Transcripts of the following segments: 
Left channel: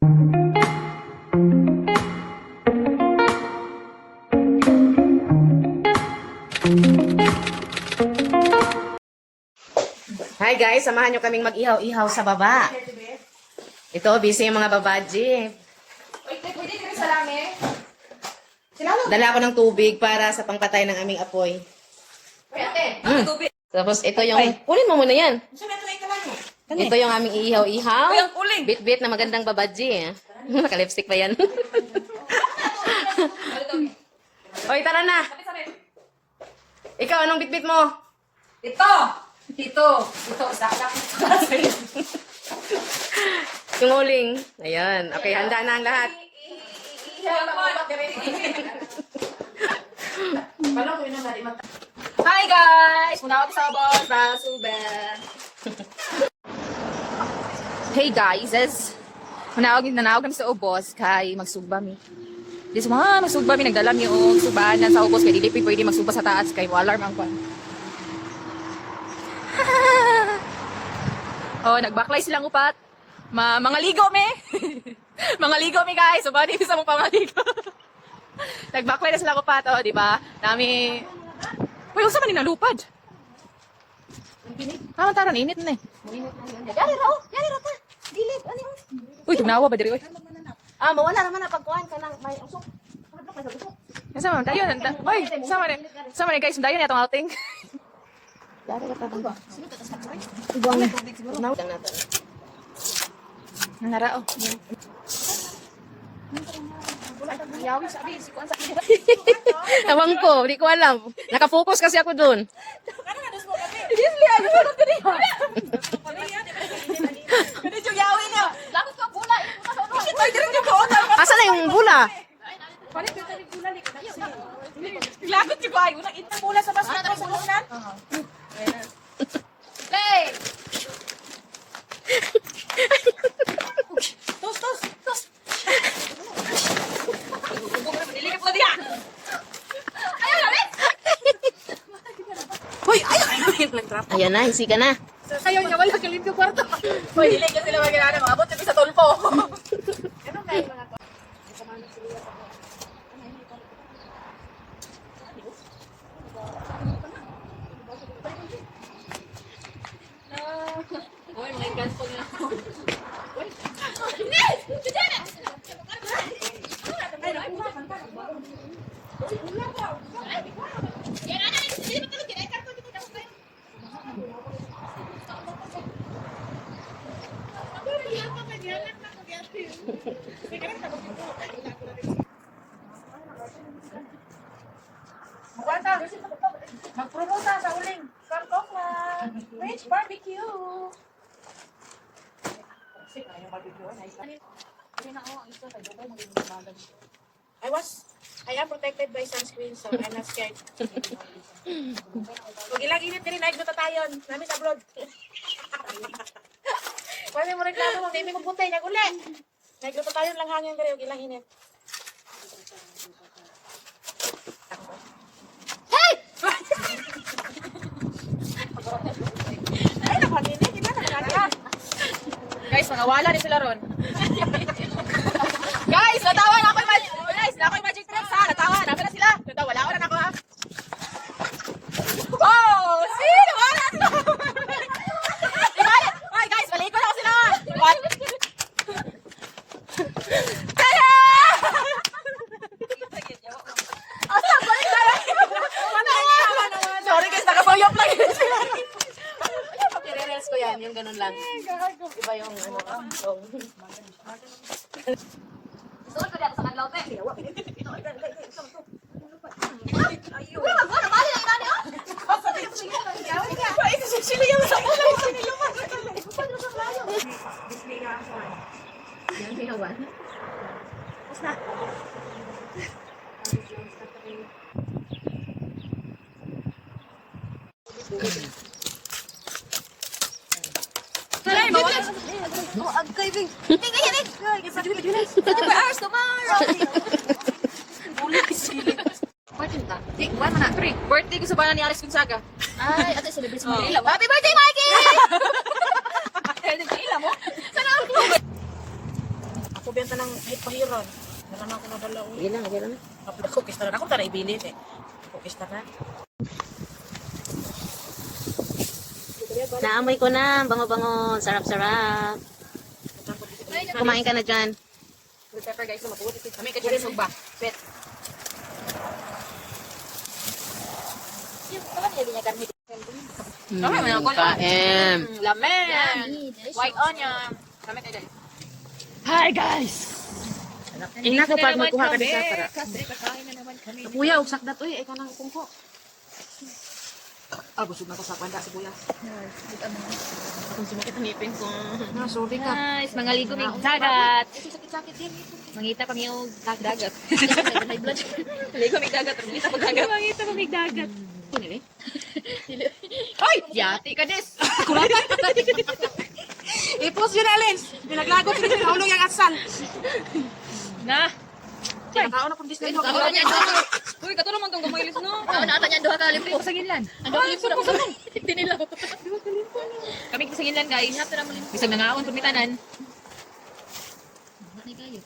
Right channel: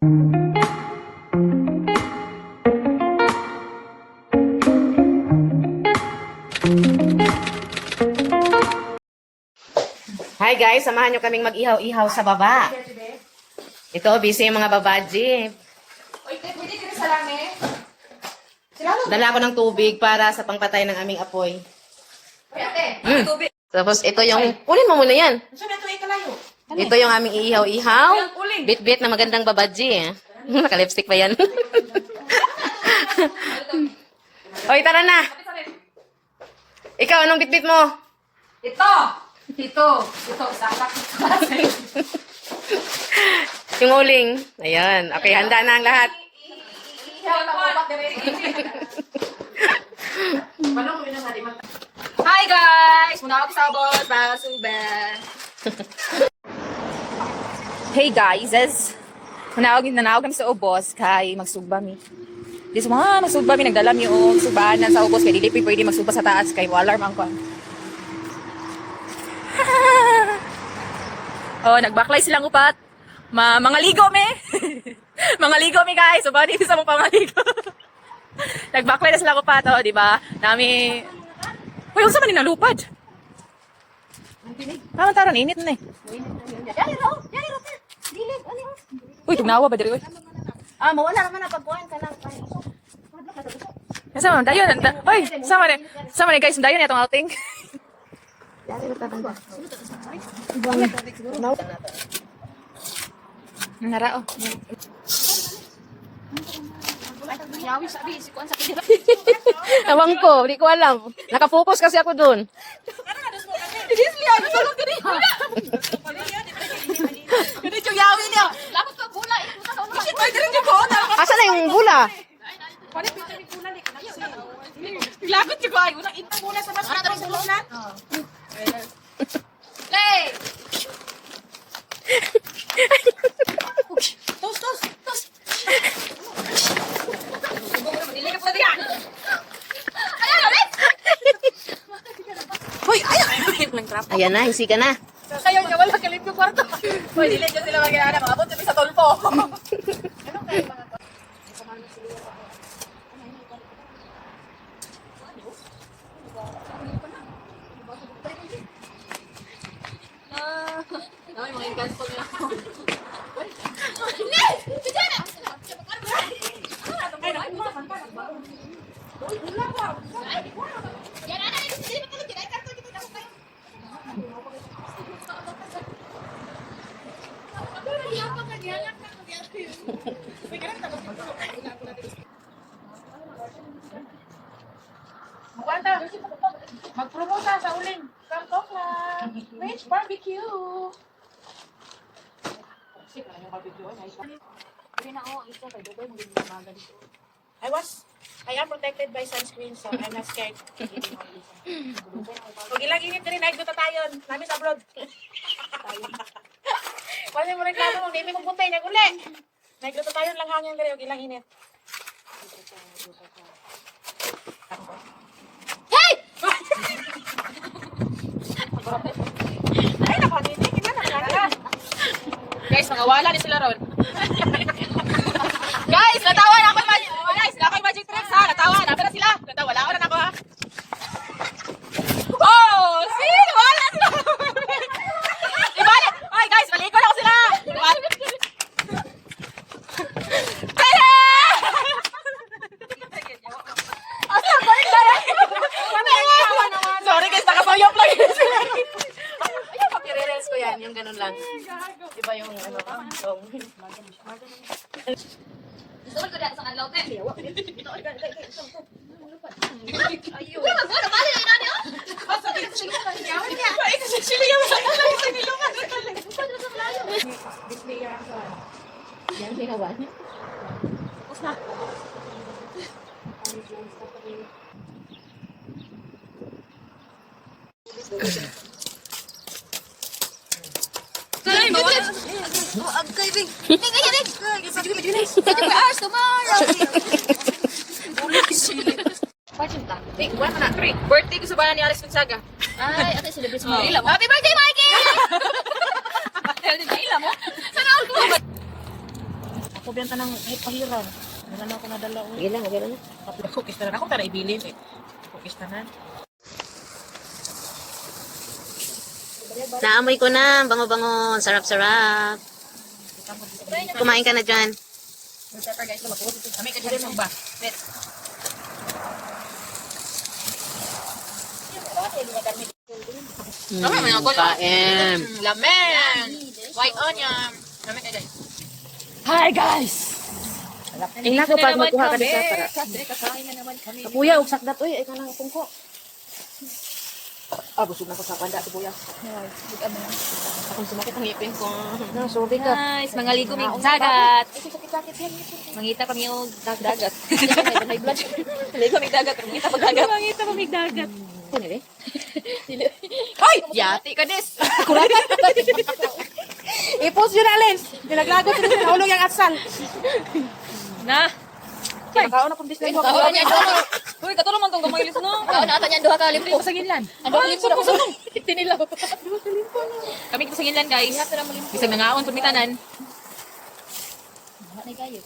Hi guys, samahan nyo kaming mag-ihaw-ihaw sa baba. Ito, busy yung mga babaji. Dala ako ng tubig para sa pangpatay ng aming apoy. Tapos ito yung, ulin mo muna yan. Ito yung aming iihaw-ihaw. Bit-bit na magandang babaji. Naka-lipstick pa yan. Oy, tara na. Ikaw, anong bit-bit mo? Ito, saksak. Yung uling. Ayan. Okay, handa na ang lahat. Hi guys! Muna ako sa boss, Basube. Hey guys, nanawag kami sa ubos kay magsugba mi. Di sa magsugba mi, nagdala mi o subanan sa ubos kay dili pwede magsugba sa taas kay alarm ang kwan. Oh, nagbacklay silang upat. Mga ligo me. Mga ligo me guys. So, bali sa mong pamaligo. Nagbacklay na silang upat, oh, di ba? Nami... Uy, unsa man ninalupad? Taran, init na eh. Yari raw ta. Dilip, ano yun? Uy, tugnawa ba diri, uy? Mawala naman na pagkuhan ka ng may usok. Sama man, dayon. Uy, sama na guys, dayon itong outing. Yari raw ta ba? Nanara, oh. Yawi sabi, si Kuan sabi. Tawang ko, di ko alam. Nakafocus kasi ako dun. Ganit yung yawi niya. Lapot ka bula, ito ka sa ulo. Shit, pwede rin yung buona. Asa na yung bula? Lagot si Bayo. Unang itang mula sa basket ng bulunan. Play! Tos. Dilikap na diyan. Ayaw, ulit! Hoy, ayaw. Nag-trap. Ayan na, hisi ka na. Ayaw niya, wala kalim yung kwarto. Hoy, dilig ka sila mag-inana. Maabot kami sa tulpo. Ay, mga inkanto niya. Mag-promote sa uling. From Cockland. Rich Barbecue. I am protected by sunscreen, so I'm not scared. Huwag ilang init na rin, nagduta tayo. Namin sa abroad. Pwede mo reklamo, hindi mo magbutay, naguli. Nagduta tayo lang hangin na rin, huwag ilang init. Hey! Ay, napangin eh. Tingnan na naman. Guys, nangawala ni sila ron. Guys, natawa na ako. Guys, na ako yung magic tricks ha. Natawa, dapat na sila. Wala ko na ako ha. Oh, see? Wala sila. Ibalik. Ay guys, balik ko na ako sila. Sorry guys, nakasuyop lang yun sila. I-reels ko yan, yung ganun lang. Diba yung ano, song. Gusto ko dyan sa kanlaw, te. Salay, mawala. Birthday ko sa bayan ni Alex Gonzaga. Ay, ate, celebrate mo. Ila mo. Happy birthday, Mikey! Ila mo. Sana ako. magbenta ng kahit pahiraw. Wala na ako nadala. Sige lang, okay lang. Kapag cookies na ako tara ibili eh. Cookies na. Naamoy ko na, bango-bango, sarap-sarap. Kumain ka na dyan. Pepper guys, mag-uot ito. Kami ko dyan magba. Bet. Okay, may ako Kain. Lamen. White onion. Kami kayo guys. Hi guys! Ina ko pag magkuha ka dito para. Kasi kakain na naman kami. Kuya, ugsak dat oy, ay ka nang tungko. Ah, busog na ko sa kanda si kuya. Akong sumakit ang ngipin ko. Sorry ka. Guys, mga ligo may dagat. Mangita kami yung dagat. Ligo may dagat. Mangita pag dagat. Mangita kami dagat. Hoy! Yati ka des! I-post yun alin. Pinaglagot ko sa ulo yung asal. Na! Nakaon akong display ko. Uy, katulong man itong gamayilis no? Naata niyan duha ka limpo. Sa ginlan. Ano limpo na ko? Tinilaw. Kami sa ginlan guys. Bisag nangaon pumitanan. Wala na kayo.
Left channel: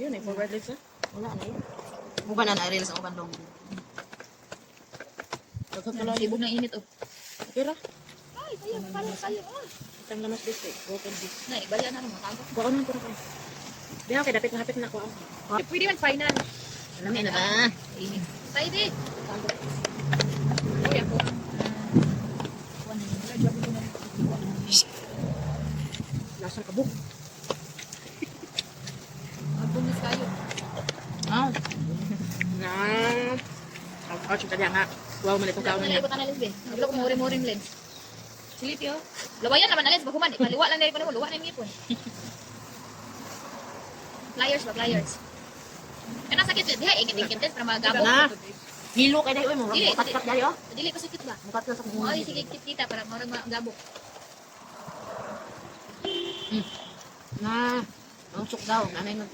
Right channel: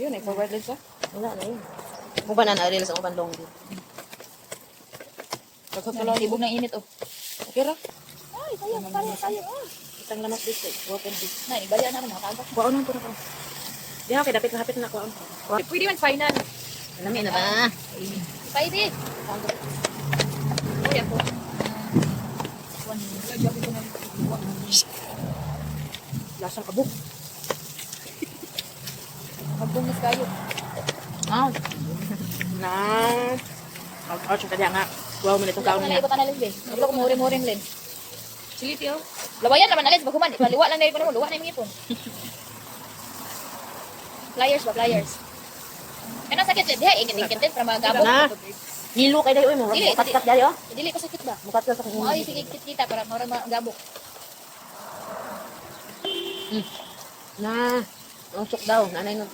Yun eh, forward lens ah. Wala na yun. Mukha na na-aril sa upan long. Tibog ng init oh. Kira, Ay, kayo. itang lamas district. Open this. Nay, balian na naman kaagad. Kuwaon nang pura ko. Di ako, dapit na hapit na kuwaon. Pwede man final. Alam na ba? Tayo di. Uy, ako. Lasang kabuk. Magbumis kayo. Oh. Na. Out siya kaya nga. Wow, man itong kaon niya. Ko kanalis be. Naglo ko murim-murim len. Siliti oh. Lawayan naman alis baguman. Kaliwa lang dai pa mo, luwa na yung ipon. Flyers ba, flyers. Ano sakit diha ingit-ingit din para magabot. Na. Hilo kay dayo mo. Dili, Kat dari oh. Dili ka sakit ba? Mukat ka sa kanya. Ay, sige kita para mura magabot. Na. Ang sok daw. Nanay mo.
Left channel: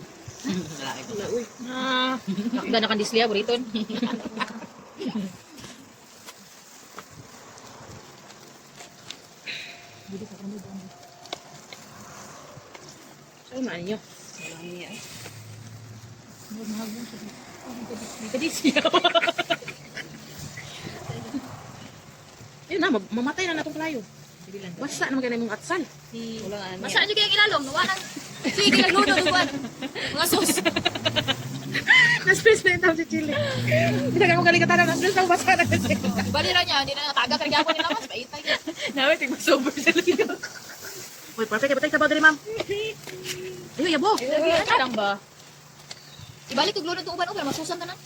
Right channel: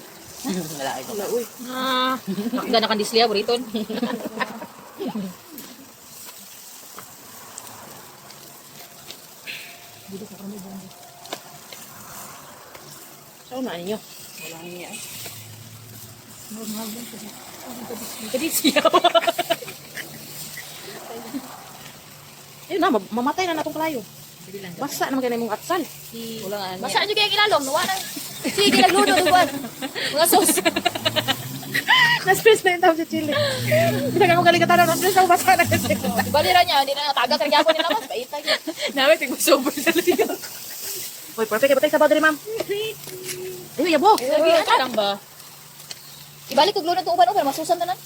Wala ay. Wala, uy. Ah, nakda na kan disliya buriton. Saan man ninyo? Wala niya eh. Kadisliya. Ayun na, mamatay na natong kalayo. Basta naman ganun mong atsal. Wala nga Masa aja kaya ilalom, luwa na. Sige nagluto uban. Mga sos. Na-space na yung tawag si Chile. Hindi na mo galing katara, na-space na basta na kasi. Balira niya, hindi na taga kaya ako nila mas paita. Namin tigma sober sa liyo. Uy, perfect. Batay sa boundary, ma'am. Ayun, yabo. Lagi ano lang ba? Ibalik ko gluto uban-uban, masusan ta na.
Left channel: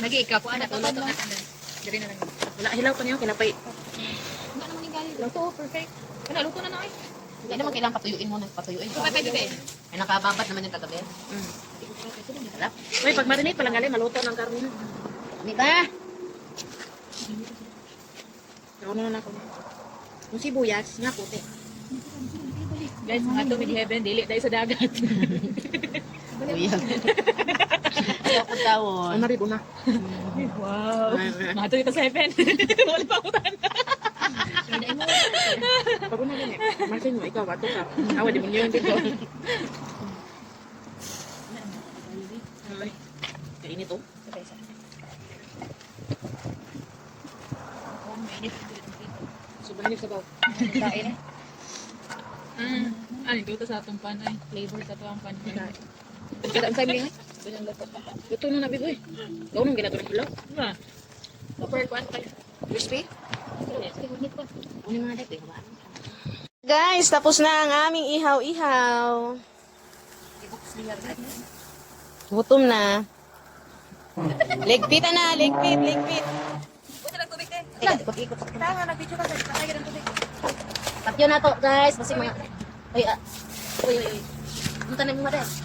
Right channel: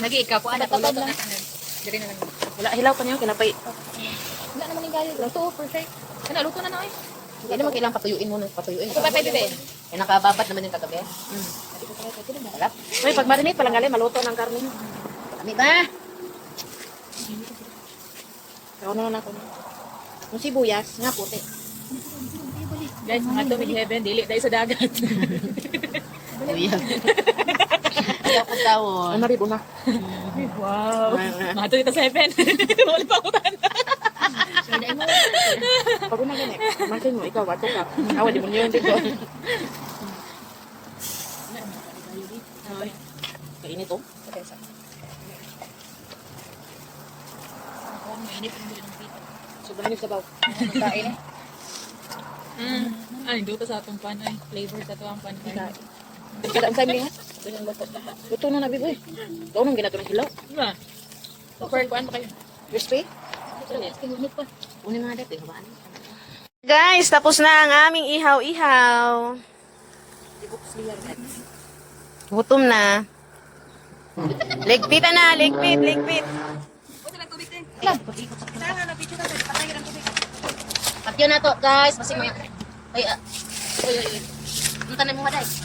Lagi ikaw po anak ko luto na tanan. Diri na lang. Wala, hilaw pa niyo. Kinapay. Wala naman yung gayo. Luto, perfect. Kana luto na na eh. Hindi naman kailangan patuyuin muna. Patuyuin. Ikaw ba kayo bebe? Eh, nakababat naman yung kagabi. Sarap. Uy, pag marinate, palang galing, maluto ng karne. Kami ba? Ako na lang ako. Yung sibuyas, nga puti. Guys, mga to mid heaven dili dahil sa dagat. Kuya. Ayaw ko tawon. Ang naribo na. Wow. Mga to dito sa heaven. Wala pa ako tanda. Pag una ganyan, masin mo, ikaw, wato ka. Awa, di mo niyo yung dito. Kainit oh. Sobrang yung sabaw. Kain eh. Ay, duto sa atong pan ay flavor sa tuwang pan. Kada ang time nga. Luto na nabi, uy. Daw nang ginato ng hilaw. Diba? Super kuan pa kayo. Crispy. Unin mga dek. Guys, tapos na ang aming ihaw-ihaw. Gutom na. Ligpit na, ligpit, ligpit. Patyo na to, guys. Kasi mga... Ay, uy, uy, uy. Dito na mga das.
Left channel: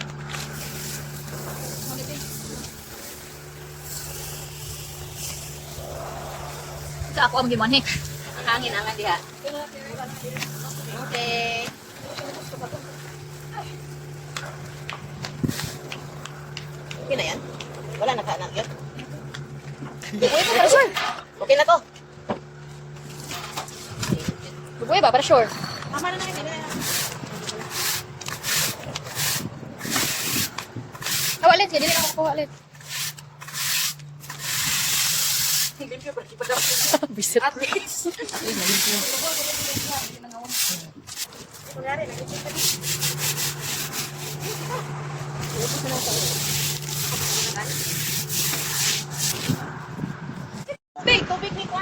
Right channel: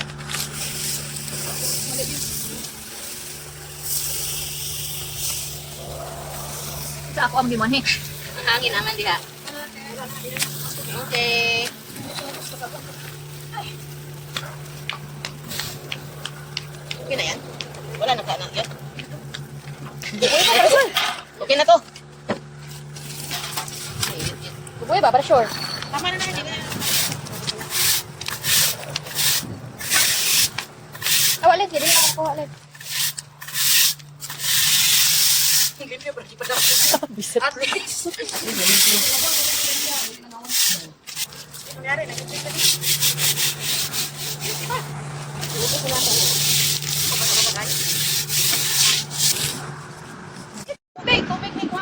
Sa ako ang gimanhi. Ang hangin naman diha. Okay. Okay na yan. Wala na ka na yan. Okay na to. Bubuhay ba para sure? Tama na na, hindi na. ulit. Hindi na ako ulit. Bisit.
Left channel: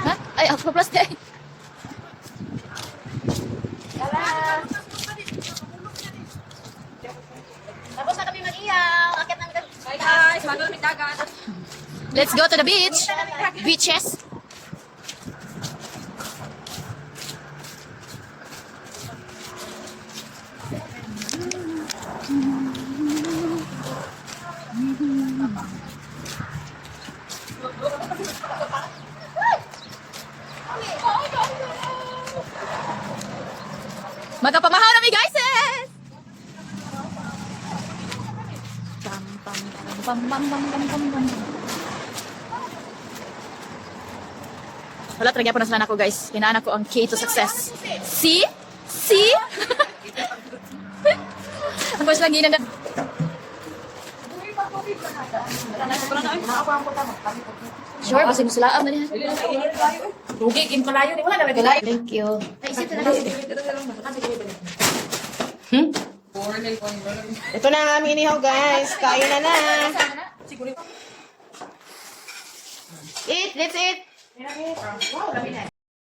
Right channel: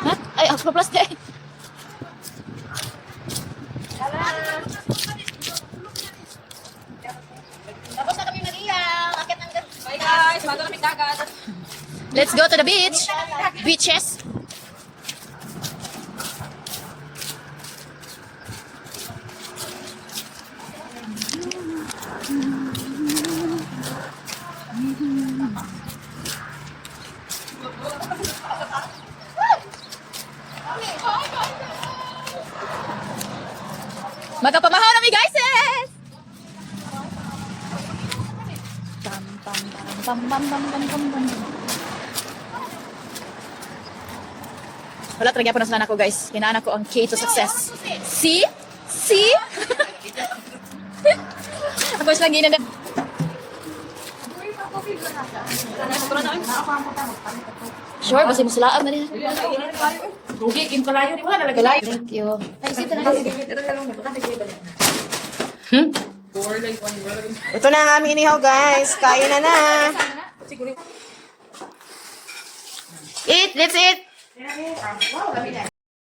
Ha? Ay, ako plus day. Tapos na kami mag-iyaw. Akit ng Bye guys, bago namin dagat. Let's go to the beach. Beaches. Magkapamahaw na mi guys eh! Wala talaga po na ako guys. Hinaan ko ang key to success. See? See? Ako siya lang ginanda. Sure, kasi musulaam na rin. Thank you. Ay, isip na lang. Ito na ang aming inihaw, guys. Kain na na. Eat, let's eat.